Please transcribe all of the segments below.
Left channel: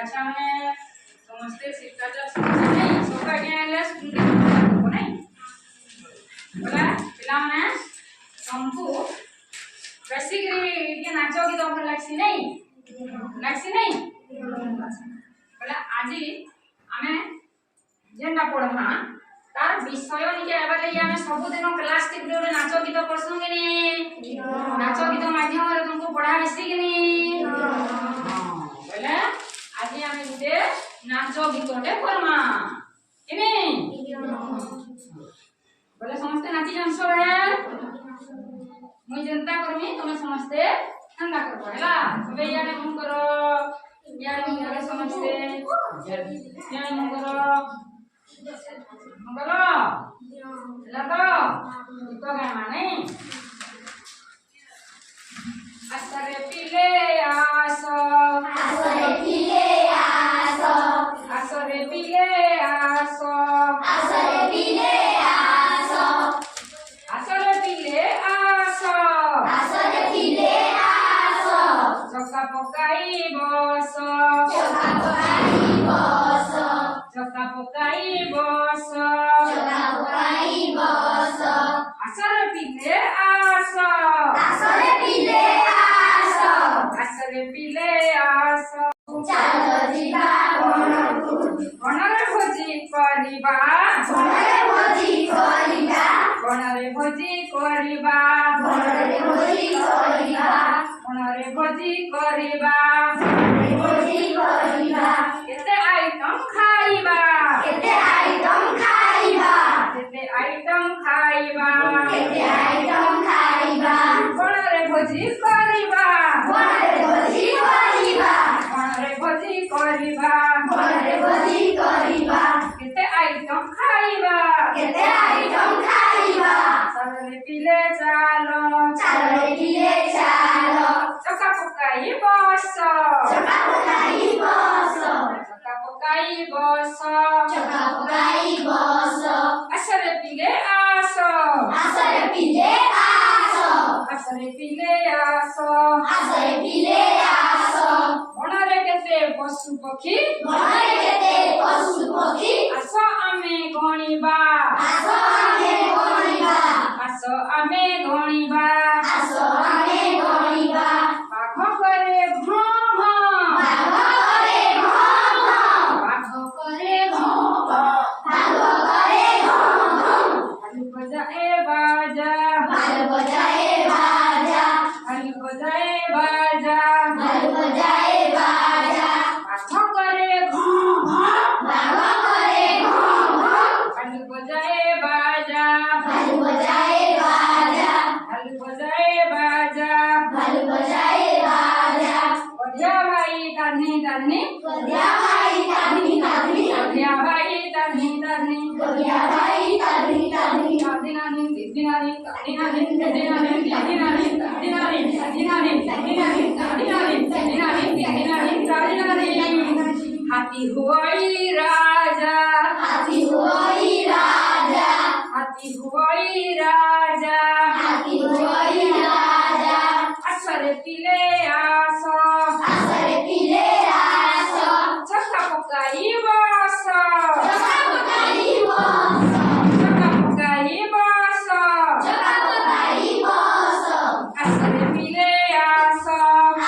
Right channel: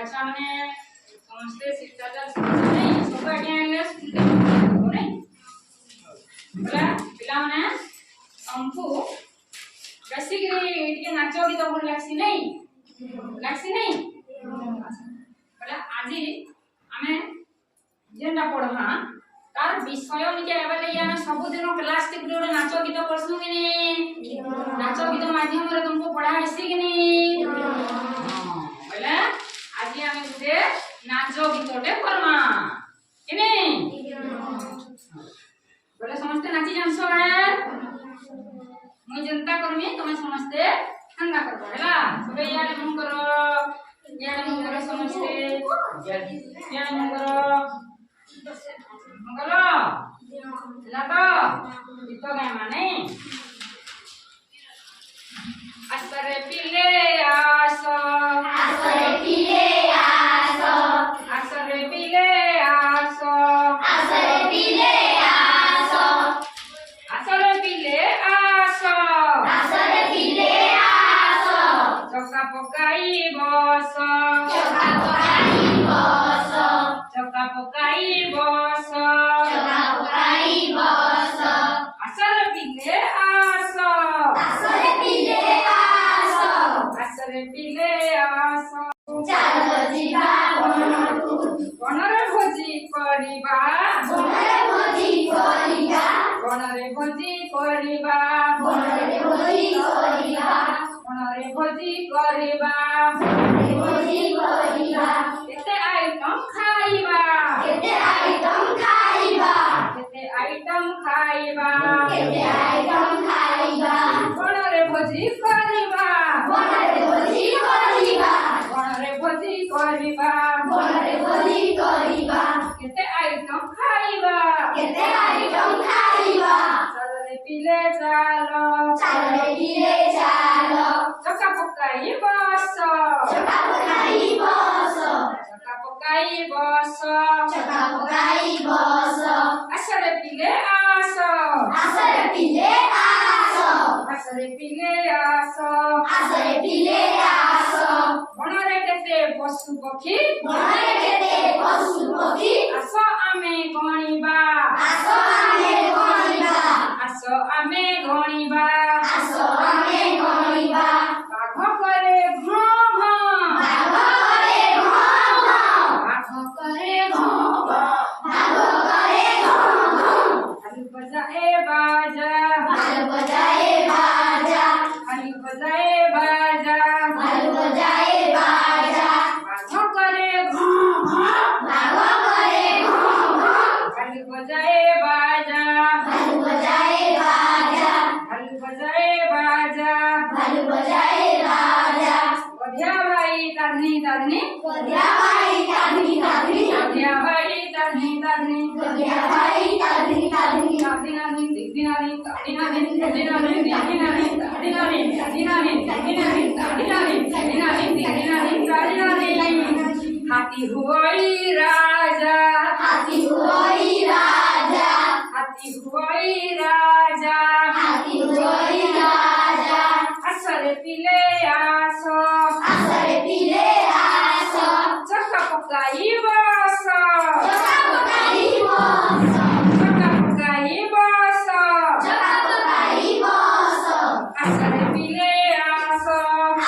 अच्छा मैंने समझते शिष्टाचार समझे नहीं सब आइडिया इंग्लिश को नहीं बोला पिला माने हमको बेसिकली ये नाचो की तो भल लागसी नहीं बोला आज आमे जेनटा पढ़मा तार विषय निके एबाले आमे सब दिन क्लास टिक नाचो गीत करसु कि नहीं नाचो गीत माध्यम रे तुमको पढ़ा इसी कि नहीं बोले आज आमे गुटे नाचो गीतटे करमा कि नहीं बोले समस्त नाची जानसो है मुई जनता करमी तुमे समस्ते ठंडा करबो हैला सबे यारे मन करो समस्ते यारे मन करो मंगलो लगा गीत गामा नहीं असरे पिले आसो असरे पिले आसो असरे पिले आसो असरे पिले आसो असरे पिले आसो असरे पिले आसो चक्का पकाई बसो चक्का पकाई बसो चक्का पकाई बसो चक्का पकाई बसो असरे पिले आसो असरे पिले आसो असरे पिले आसो चालो जिबा बनरे भोजी करिबा बनरे भोजी करिबा बनरे भोजी करिबा बनरे भोजी करिबा बनरे भोजी करिबा बनरे भोजी करिबा केते आइटम खाइबा केते आइटम खाइबा केते आइटम खाइबा केते आइटम खाइबा बनरे भोजी करिबा बनरे भोजी करिबा बनरे भोजी करिबा बनरे भोजी करिबा केते आइटम खाइबा केते आइटम खाइबा चले पिले चालो चले पिले चालो चक्का पकाई बसो चक्का पकाई बसो चक्का पकाई बसो चक्का पकाई बसो असरे पिले आसो असरे पिले आसो असरे पिले आसो असरे पिले आसो बनरे केते पशु पक्षी बनरे केते पशु पक्षी आसो आमे गणिबा आसो आमे गणिबा आसो आमे गणिबा आसो आमे गणिबा बाघ करे घम घम बाघ करे घम घम बाघ करे घम घम बाघ करे घम घम हल बजाए बाजा हल बजाए बाजा हल बजाए बाजा हल बजाए बाजा बाघ करे घम घम बाघ करे घम घम हल बजाए बाजा हल बजाए बाजा हल बजाए बाजा हल बजाए बाजा वधिया भाई तानी तानी वधिया भाई तानी तानी वधिया भाई तानी तानी वधिया भाई तानी तानी तानी दिनानी तानी दिनानी दिनानी दिनानी दिनानी दिनानी दिनानी दिनानी हाथी हुई राजा हाथी हुई राजा हाथी हुई राजा हाथी हुई राजा असरे पिले आसो असरे पिले आसो चक्का पकाई बसो चक्का पकाई बसो चक्का पकाई बसो चक्का पकाई बसो असरे पिले आसो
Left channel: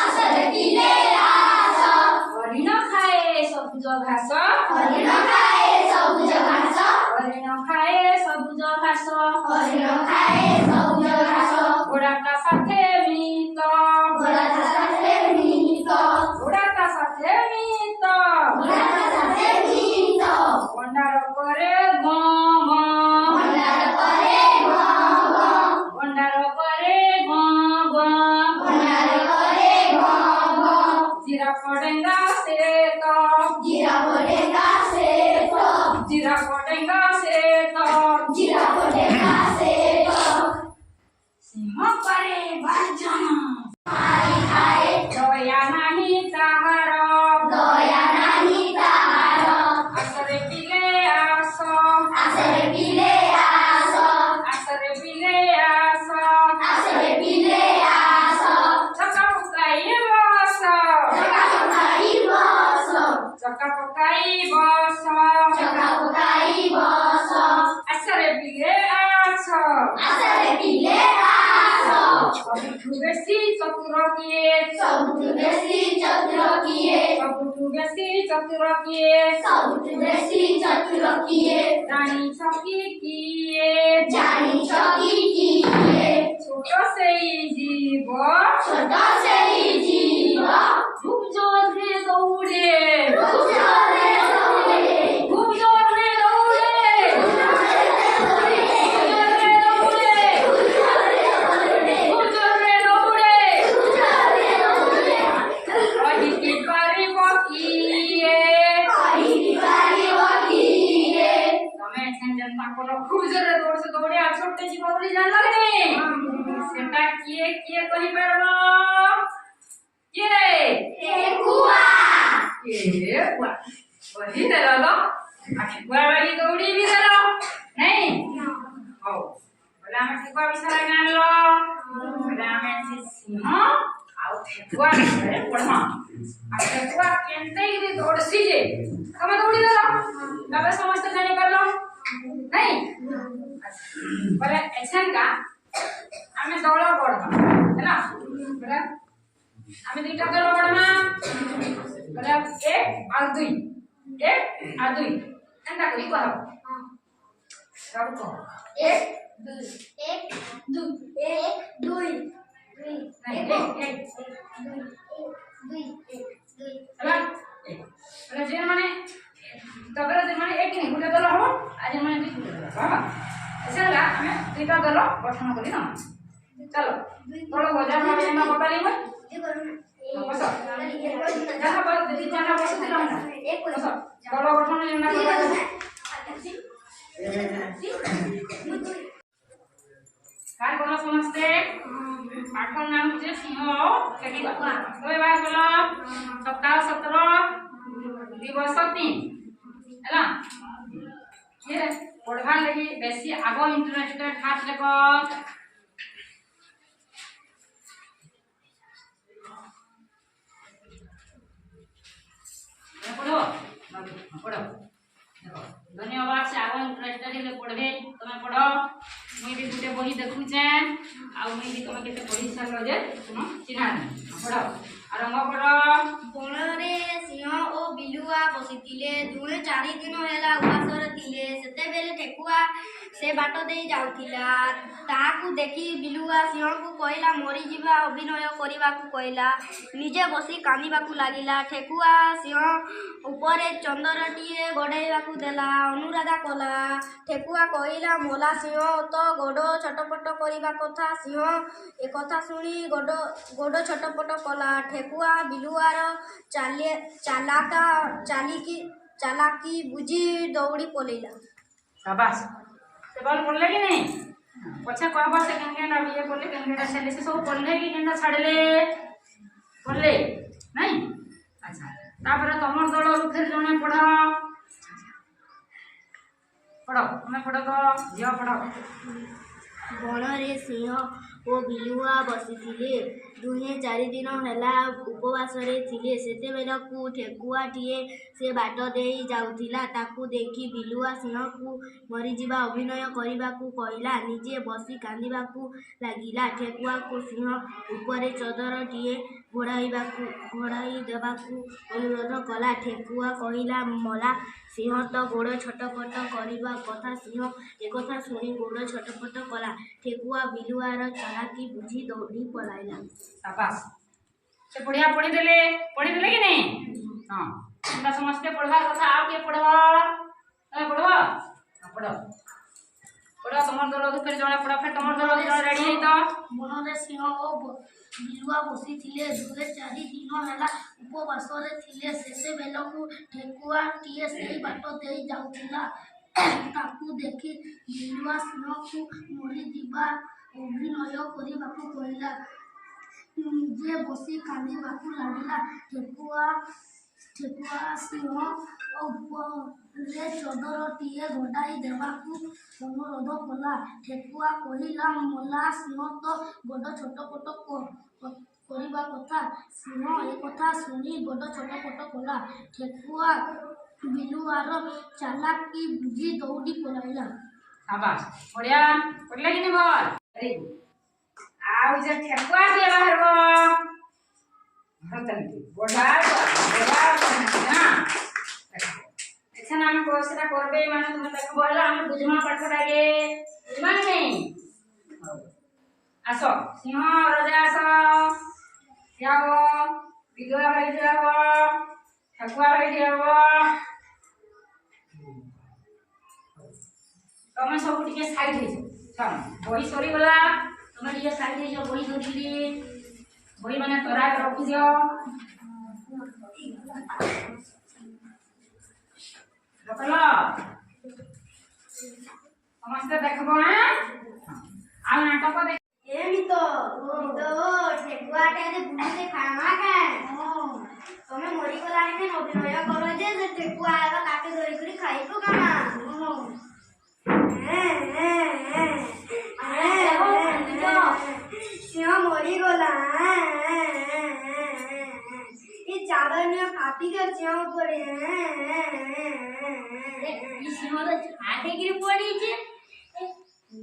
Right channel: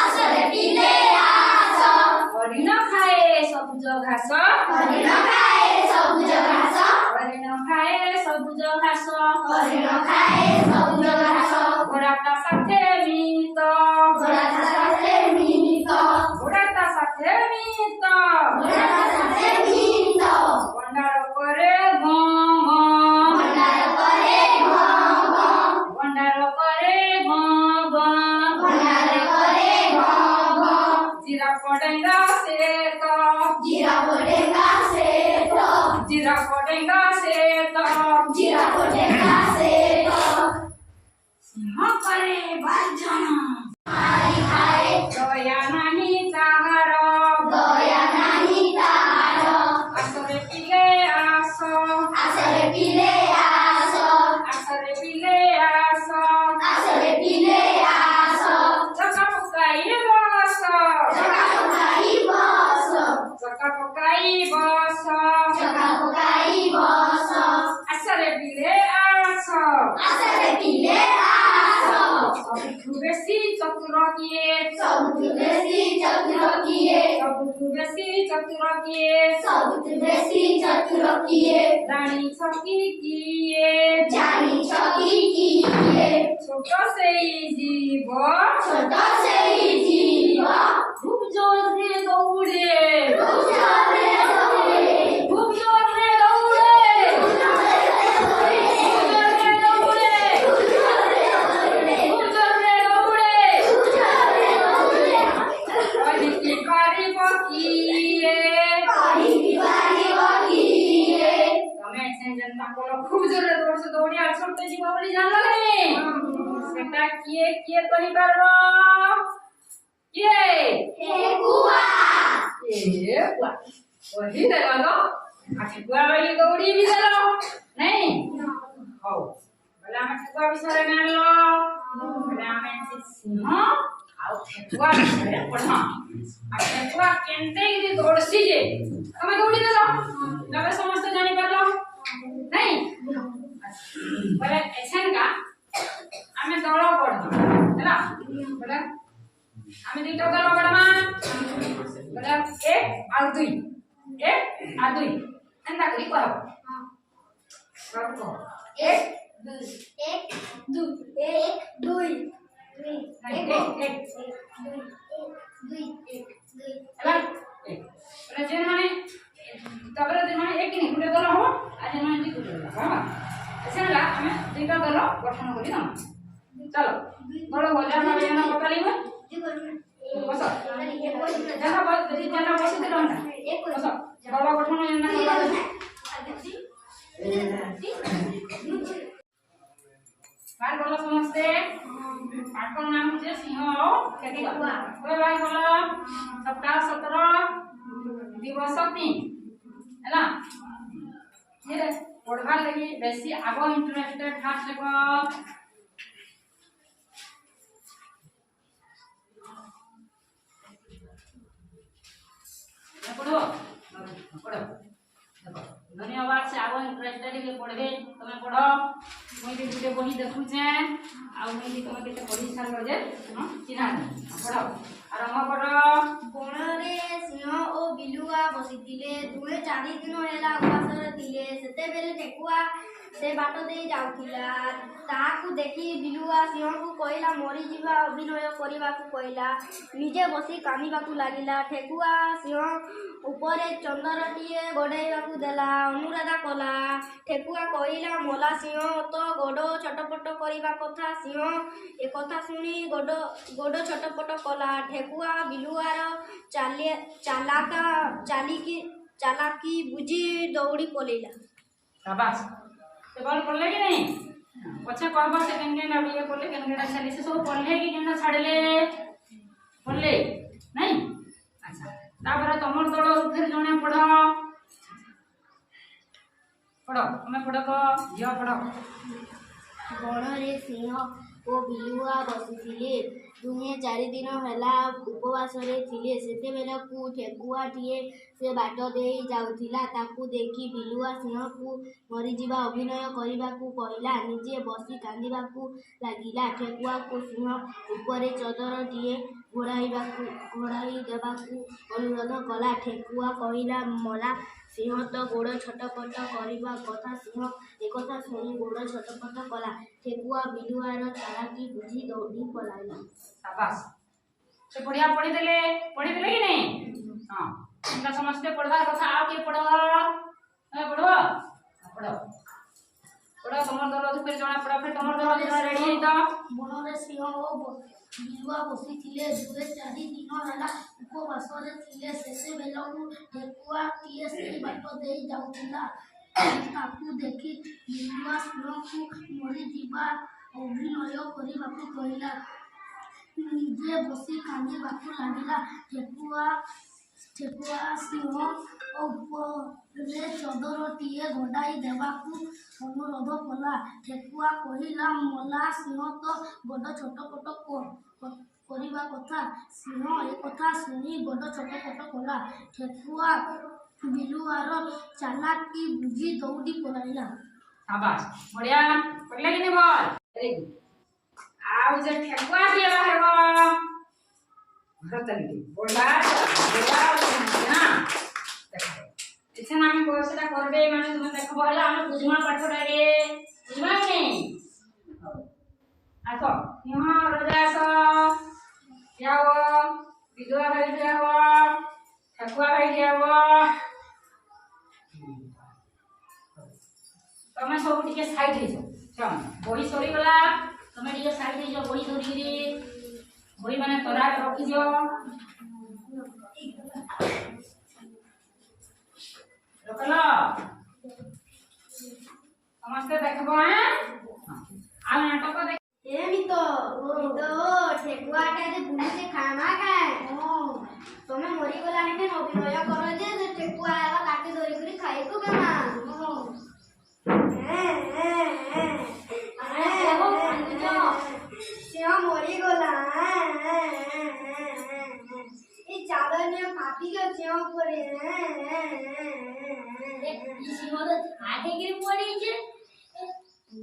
असरे पिले आसो हरिण खाए सबुज घास हरिण खाए सबुज घास हरिण खाए सबुज घास हरिण खाए सबुज घास घोड़ाटा साथे मित घोड़ाटा साथे मित घोड़ाटा साथे मित घोड़ाटा साथे मित भंडार करे गम गम भंडार करे गम गम भंडार करे गम गम भंडार करे गम गम जीरा पड़ेगा से तो जीरा पड़ेगा से तो जीरा पड़ेगा से तो जीरा पड़ेगा से तो सिंह करे गर्जन खाए खाए दया नहीं ताहारो दया नहीं ताहारो असरे पिले आसो असरे पिले आसो असरे पिले आसो असरे पिले आसो चक्का पकाई बसो चक्का पकाई बसो ଚତୁର କିଏ? ସବୁଠୁ ବେଶୀ ଚତୁର କିଏ? ସବୁଠୁ ବେଶୀ ଚତୁର କିଏ? ସବୁଠୁ ବେଶୀ ଚତୁର କିଏ? ଜାଣିଛ କି କିଏ? ଜାଣିଛ କି କିଏ? ଛୋଟ ସେଇ ଜୀବ ଛୋଟ ସେଇ ଜୀବ খুব জোরে দৌড়ে খুব জোরে দৌড়ে খুব জোরে দৌড়ে খুব জোরে দৌড়ে খুব জোরে দৌড়ে খুব জোরে দৌড়ে খুব জোরে দৌড়ে খুব জোরে দৌড়ে অধিকে পারিব কিয়ে পারিব কিয়ে? তুমি যেনতা করো খুব জোরে দৌড়ছে দৌড়ে আর ছোট্ট জীব বলি জানলা নি সেটা কিয়ে কিয়ে করি পারলো কিয়ে ঠেকুয়া ए बुआ वही देला लो आ ठेकुआ वाली दौड़ी भी देला नहीं हो बोले हमें ठेकुआ विषय में लो बोले हमें सिंह आ ठेकुआ विषय पढ़ना आ ठेकुआ केनते गिरी दौड़सी जे हमें दौड़ी देला तबे समस्त जानि परलो नहीं बोले एछन का हमें दौड़ पड़ना हैला बोले हमें दुईटा दल पड़ना बोले एक और दुई एंता करी कहब सब को एक दुई एक दुई एक दुई दुई नहीं एक दुई दुई एक दुई हला एक बोले जेन माने तबरे जेन माने एक नहीं गुटे दल हो आ जेन माने दुई गुटे दल बाबा ऐसे ला हमें दुईटा दल गठन करी ना चलो दल बजार माने ना बताली को जी करू बस जहां पर यदि जाना बसुती रहना एक बस दल गठन जेना करबा काय बोलो समझते पाठक नाम जे सिंह ठेकुआ ओए भाई बोलो सप्ताह 17 दिवस 3 हैला ये पढ़वा लगी बेसी आगो इंटरेस्टेड हाथ लेको पढ़ो पढ़ो देखो धन्यवाद से आगो इंटरेस्टेड ले पढ़बे तमे पढ़ो मुई भी गुटे बही देखुचे आ मुई भी तमे केते पढ़ी सारलो जे सुनो चिन्हा पढ़ो आरंभ करो बणरे सिंह ओ बिलुआ बसिथिले दुहे 4 दिन हेला उपासरे थिले सेते बेले ठेकुआ से बाट दे जाउथिला ताकू देखि बिलुआ सिंह को कहला मरी जीवा अभिनय करबा को कहला निजे बसी कांदीबा को लागिला ठेकुआ सिंह ऊपरे चंदरटिए गड़ेबा को देला अनुराधा कला ठेकुआ कहला मोला सिंह तो गोड़ छटपट करबा कथा सिंह ए कथा सुनी गोड़ छटपट कला ठेकुआ बिलुआर चालाकी बुझी दौड़ी पलेला शाबाश से बोल पढ़ले कि नहीं पछे कहबो से केन अब ये बोले केन छले से सब पढ़ले कि केन छाड़ले पढ़ले नहीं अच्छा तापर तमर दल रु फिर जने पढ़ो पढ़ो तुम्हें पढ़ो तो जिया पढ़ो बणरे सिंह ओ बिलुआ बसिथिले दुहे 4 दिन हेला उपवासरे थिले सेतेबेलकू ठेकुआटिए से बाट दे जाउथिला ताकू देखि बिलुआ सिंह को मरीजिबा अभिनय करबाकू कहला निजे बसी कांदीबाकू लागिला ठेकुआ को सिंह ऊपरे चदरटिए घोड़ाई देबाकू अनुरोध कला ठेकुआ कहला मला सिंह तो गोड़ छटपट करबा कथा सिंह एकथा सुनी गोड़ छटपट कला ठेकुआ बिलुआर चालाकी बुझी दौड़ी पलाइला शाबाश से बढ़िया पढ़ी देले कि नहीं हां हमरा समझते पढ़वा कथा आ के पढ़ो ए पढ़ो पढ़ो पढ़ो तमर दल फिर जने पढ़ो फिर तमर दल रेडी तो बणरे सिंह ओ बिलुआ बसिथिले दुहे 4 दिन हेला उपवासरे थिले सेतेबेलकू ठेकुआटिए से बाट दे जाउथिला ताकू देखि बिलुआ सिंह को मरी जीवा अभिनय करबाकू कहला निजे बसी कांदीबाकू लागिला ठेकुआ सिंह ऊपरे चदरटिए घोड़ाई देबाकू अनुरोध कला ठेकुआ कहला मला सिंह तो गोड़ छटपट करबा कथा सिंह ए कथा सुनी गोड़ छटपट कला ठेकुआ बिलुआर चालाकी बुझी दौड़ी पलाइला शाबाश बढ़िया पढ़ले कि नहीं बोल वेरी गुड ଆଉ ଯେ ଠେକୁଆ ଟିଏ ବାହାରିବ ଘର ଚାଲିକି ବଢା ନା ଏଛେନ ଆମେ କୋର୍ସଟା করবে মানে তুমি দেখো বলে আমি বুঝমা পাঠটাকে বুঝমা নেই আসো সিংহ রাজা আসো যাও বিধবা ভাই যাও ঠেকুয়া ভাই যাও তুমি সব টিকে সাইড হইছো চল বই সরি গলা তুমি টিকে সাইড হইছো বই সরিগিরি বই মানে তরা রখি দিও রখলো ସମସ୍ତେ ଦେଖିବ ଆଉ ନାଟକ ଦେଖ ଏମିତି ଠେକୁଆଟା ଯେ ବୁଲିତେ ଖାମା କାଏ ତମେ ମରିଗଲାଣି କେନ ଅଭିନୟ କର ଯେ ସେ ଠେକୁଆ ଆଗ କାଟି ଧରିକରି ଖାଇବୁ କାମା ସିଂହ ମରିଗଲା ଏ ଚାଦନିଆ ଫାଟିକେ ସିଂହ ଉପରେ ସିଂହର ଛାଟିକିରି ପଡ଼ିଛି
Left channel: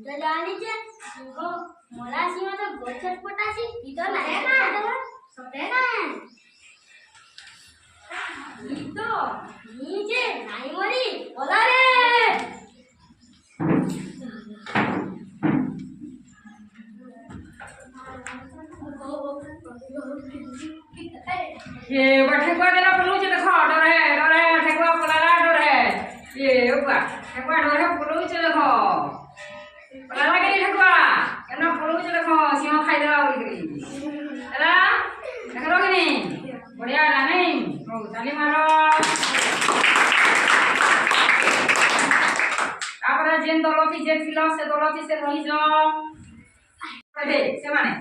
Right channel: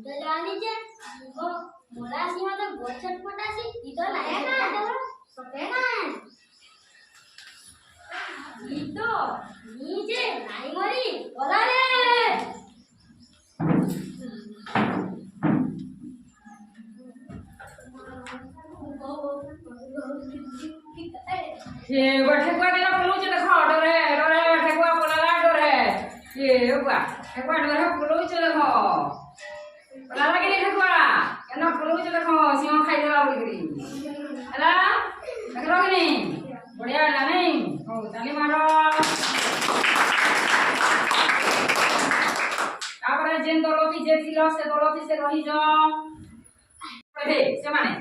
ତ ଜାଣିଛେ ସିଂହ ମଲା ସିଂହ ତ ଗଛ ପଟାସି ଇ ତ ନାଇଁ ନା ସତେ ନା ଇ ତ ନିଜେ ନାଇଁ ମରି ଗଲା ରେ ये ठेकुआ देला पलूचे देखो डरे डरे ठेकुआ पलाला डरे ये बुआ ठेकुआ डरे पलूचे देखो पलाला के ठेकुआ केना पलूचे देखो सिंह खाइ देला बोल करी हला देखरो कि नहीं बढ़िया लागे हो ताली मारो तापर जेन दलती जे थिलो से दलती से रही जो दे से माने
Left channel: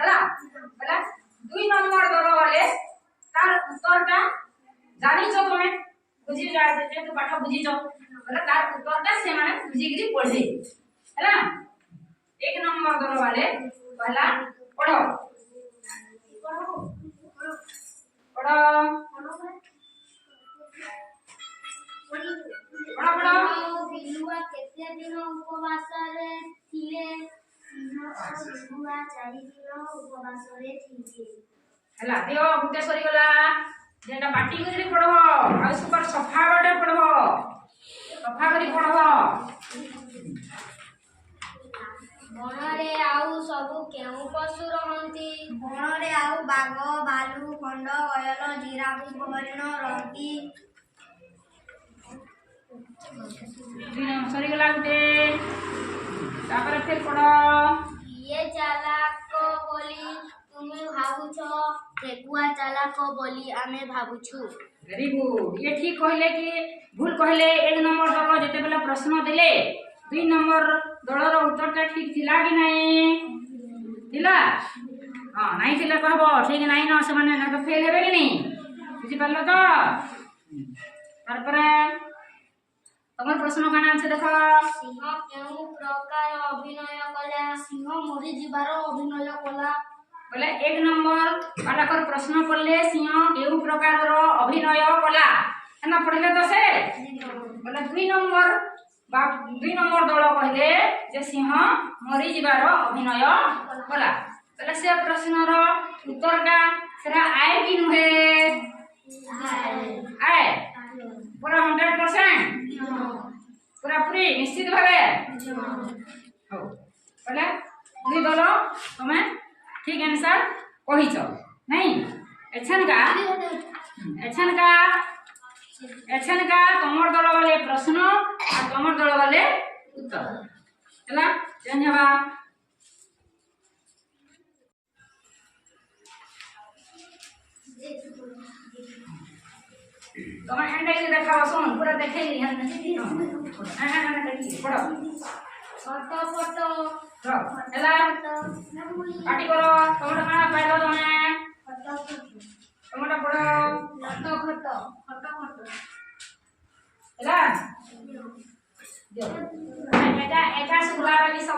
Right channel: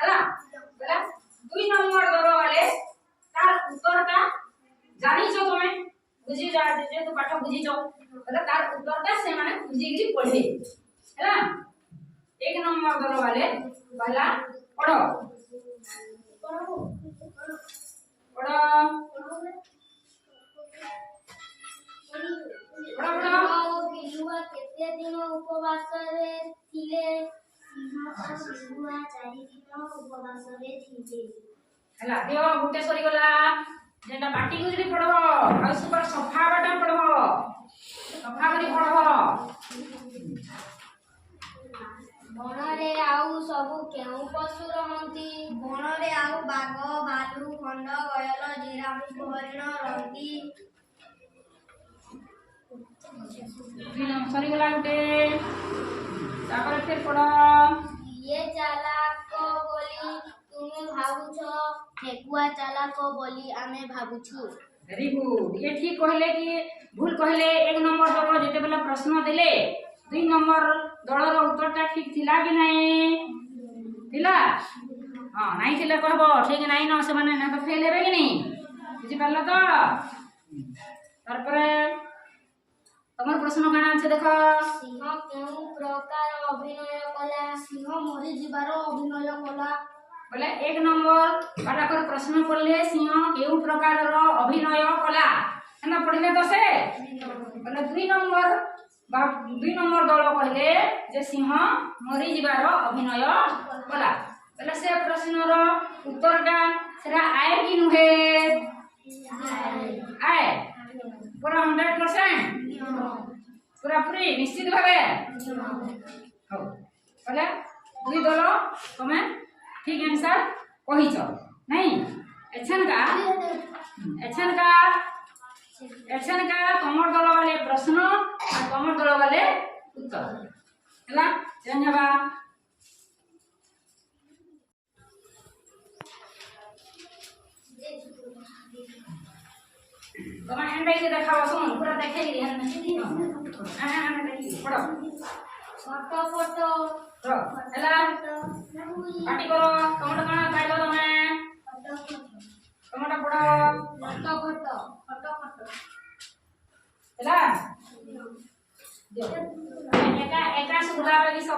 हला बोला 2 नंबर दल वाले तार उत्तरटा जानिछो तमे बुझी जा जे तू पाठ बुझीछो बोले तार उत्तरटा से माने बुझीगिरी पढे हैला 1 नंबर दल वाले पहला पढ़ो पढ़ो बिलुआ केते दिन उपवास रे थिले सिंह और बिलुआ 4 दिन उपवास रे थिले हला देव गुटे सरी गला जेटा पाटी गुजरी पढ़बो आ सुपर सफा बाटे पढ़बो सफा करी पढ़बो बणरे आउ सबु केउ पशु रहंती बणरे आउ बाघ भालू खंड गयल जिराफ हरिण रहंती सरी गला गुटे तापर फिर पढ़ ये चालाक बोली तुमे भाबुछ ठेकुआ चालाक बोली आमे भाबुछु वेरी गुड ये ठीक कहले कि भूल कहले 1 नंबर दल जेते बेले प्रश्न देले 2 नंबर दलर उत्तरटा ठीक थिला कि नहीं थिला हां नहीं थिले कहबो ठीक नहीं न से माने ना तो फेल हेबे कि नहीं बुझि पारलो तो तार पर तमर प्रश्न काना আছে देखो सिंह केउ प्रकार अभिनय कला सिंह मरि जिबार अभिनय कला बोले 1 नंबर बाटाकर प्रश्न पढ़ले सिंह केउ प्रकार अभिनय कला एना पढ़ले तो से बोले 2 नंबर बा 2 नंबर दल कहले जे सिंह मरि जिबार अभिनय कला बोले से प्रश्न रो उत्तर का सेरा आए कि नुहे आए पूरा 100% पूरा पूरी निश्चित भावे हो बोले 2 दल तमे ठीक आंसर कहिছো नहीं एछन का तमर दल वाले प्रश्न और तमर दल वाले उत्तर हला धन्यवाद तमे एंड के देखावा सुन पूरा देखेली हन सीधी न देखी पढ़ो फोटो हला पार्टी करो तमरा काना पाइलो तमे